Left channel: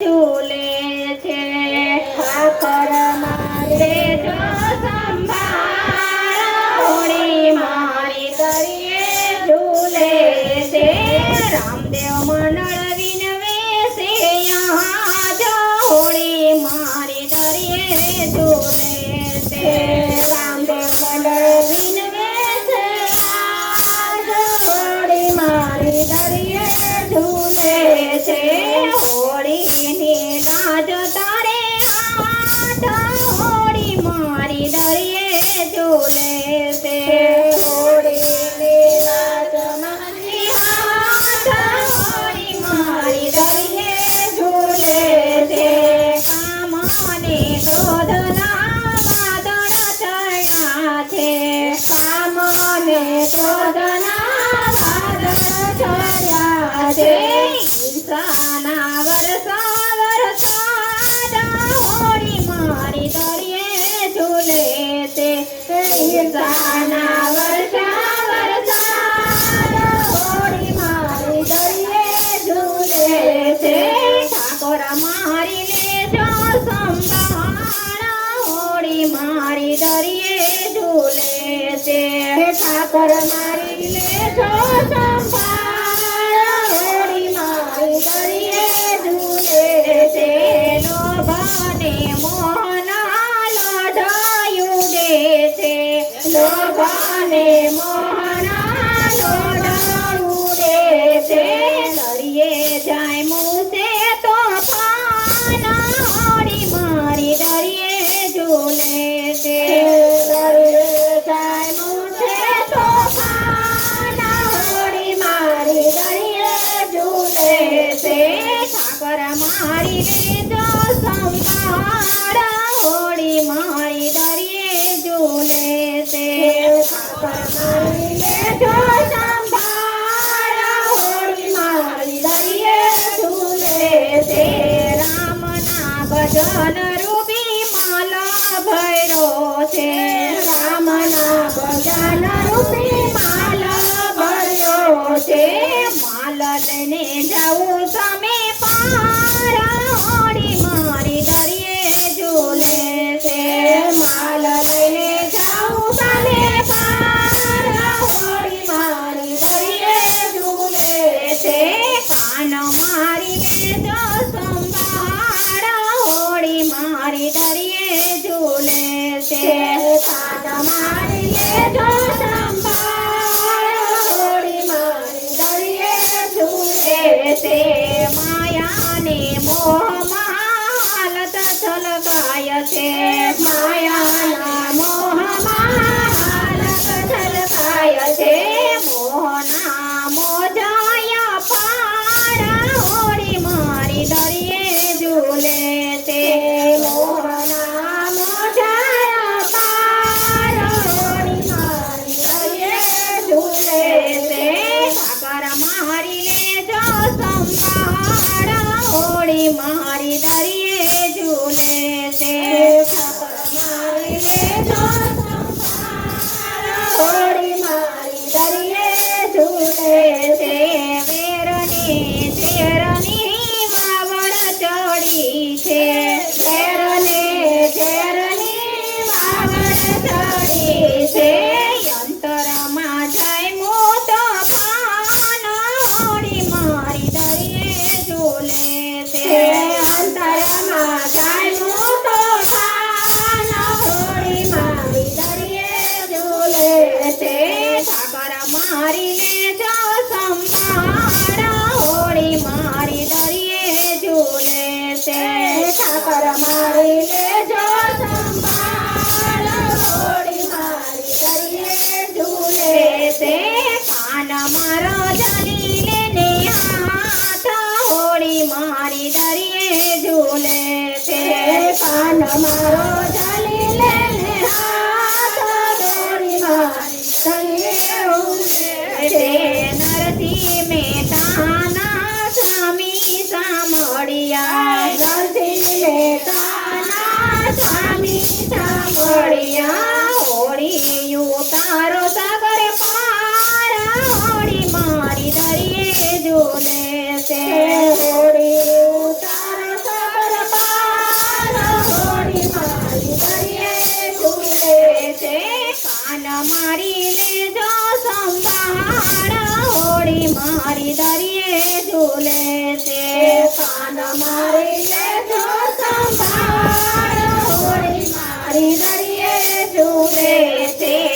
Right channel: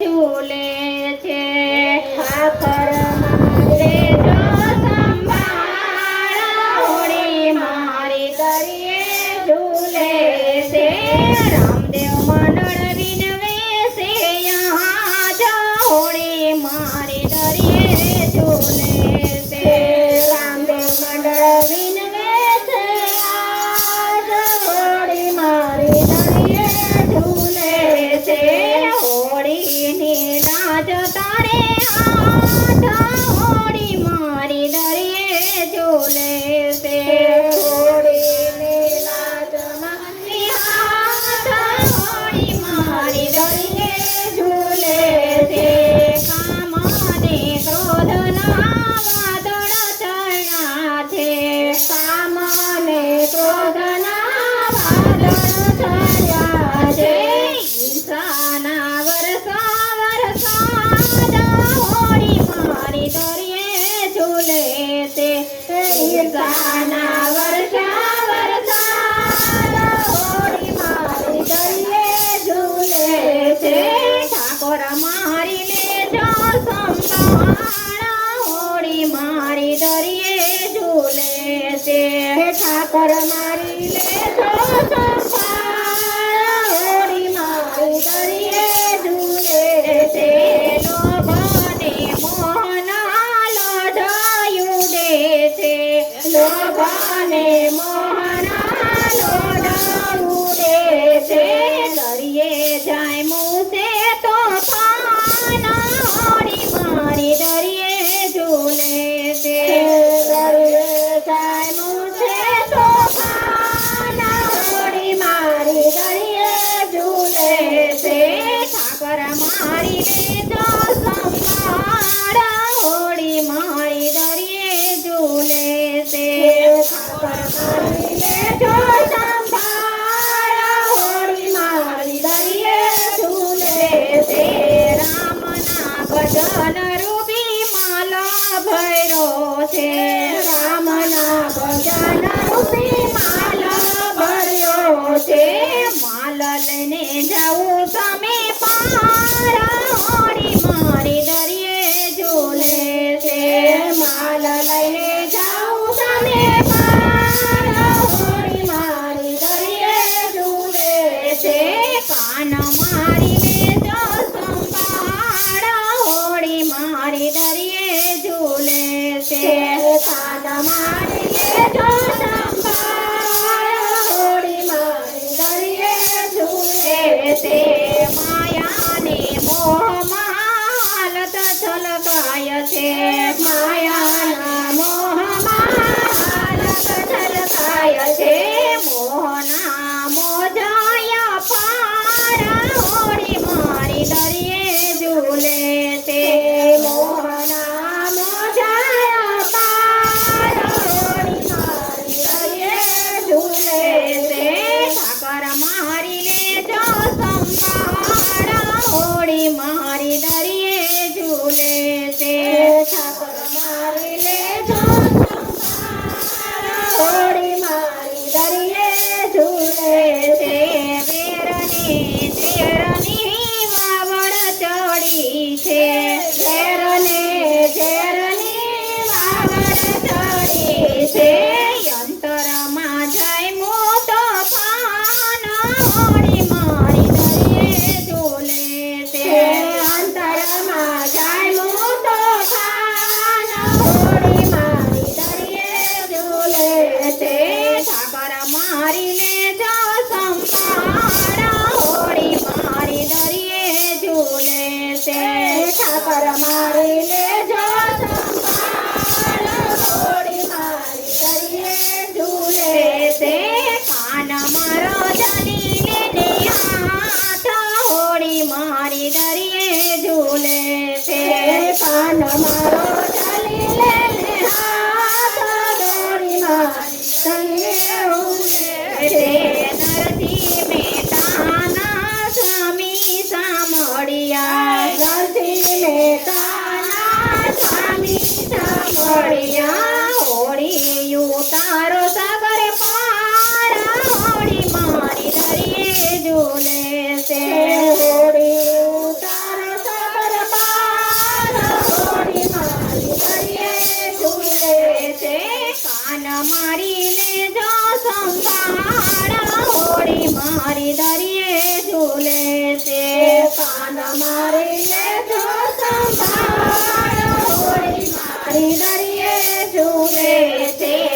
ઝૂલે છે ઠાકર મારે જો સંભાળ હોળી મારી દરિયે ઝૂલે છે રામદેવ મંડળ વિનવે છે યહાં જો હોળી મારી દરિયે ઝૂલે છે રામદેવ મંડળ વિનવે છે આજ હોળી મારી દરિયે ઝૂલે છે હોળીની લાજ તારે હાથ હોળી મારી દરિયે ઝૂલે છે હોળીની લાજ મારી હાથ હોળી મારી દરિયે ઝૂલે છે કામને ક્રોધના વાદળ ચડ્યા છે કામને ક્રોધના વાદળ ચડ્યા છે ઈર્ષાના વરસાદ હોળી મારી દરિયે ઝૂલે છે ઈર્ષાના વરસાદ હોળી મારી દરિયે ઝૂલે છે ઠાકોર મારી લેજો સંભાળ હોળી મારી દરિયે ઝૂલે છે ઠાકોર મારી લેજો સંભાળ હોળી મારી દરિયે ઝૂલે છે લોભાને મોહના લોઢાયું દે છે લોભાને મોહના લોઢાયું દે છે દરિયે જાય મૂસે તોફાન હોળી મારી દરિયે ઝૂલે છે દરિયે જાય મૂસે તોફાન હોળી મારી દરિયે ઝૂલે છે ઠાકર મારી લેજો સંભાળ હોળી મારી દરિયે ઝૂલે છે ઠાકર મારી લેજો સંભાળ હોળી મારી દરિયે ઝૂલે છે રામના ભજન રૂપી માલા ભૈરો છે રામના ભજન રૂપી માલા ભૈરો છે માલ લઈને જાઉં તમે પાર હોળી મારી દરિયે ઝૂલે છે માલ લઈને જાઉં તમે પાર હોળી મારી દરિયે ઝૂલે છે કાન મારી લેજો સંભાળ હોળી મારી દરિયે ઝૂલે છે કાન મારી લેજો સંભાળ હોળી મારી દરિયે ઝૂલે છે માયાને મોહમાં હાલત છલકાય છે માયાના મોહમાં હાલત છલકાય છે મોહના મોજાયા પાર હોળી મારી દરિયે ઝૂલે છે મોહના મોજાયા પાર હોળી મારી દરિયે ઝૂલે છે ઠાકર મારી લેજો સંભાળ હોળી મારી દરિયે ઝૂલે છે ઠાકર મારી લેજો સંભાળ હોળી મારી દરિયે ઝૂલે છે વેરની ઝેરની વાવડ ચડી છે ઝેરની વાવડ ચડી છે અંતરમાં જાય મોતો પાન હોળી મારી દરિયે ઝૂલે છે અંતરમાં જાય મોતો પાન હોળી મારી દરિયે ઝૂલે છે ઠાકર મારી લેજો સંભાળ હોળી મારી દરિયે ઝૂલે છે ઠાકર મારી લેજો સંભાળ હોળી મારી દરિયે ઝૂલે છે કાન મારો જાલી લેને હાથ હોળી મારી દરિયે ઝૂલે છે કાન મારો જાલી લેને હાથ હોળી મારી દરિયે ઝૂલે છે નરસિંહ મહેતાના સ્વામી સાંભળ્યા નરસિંહ મહેતાના સ્વામી સાંભળ્યા હોળી ઉતારો સાગર પાર હોળી મારી દરિયે ઝૂલે છે હોળી ઉતારો મારી લેજો સંભાળ હોળી મારી દરિયે ઝૂલે તે કાન મારી લેજો સંભાળ હોળી મારી દરિયે ઝૂલે તે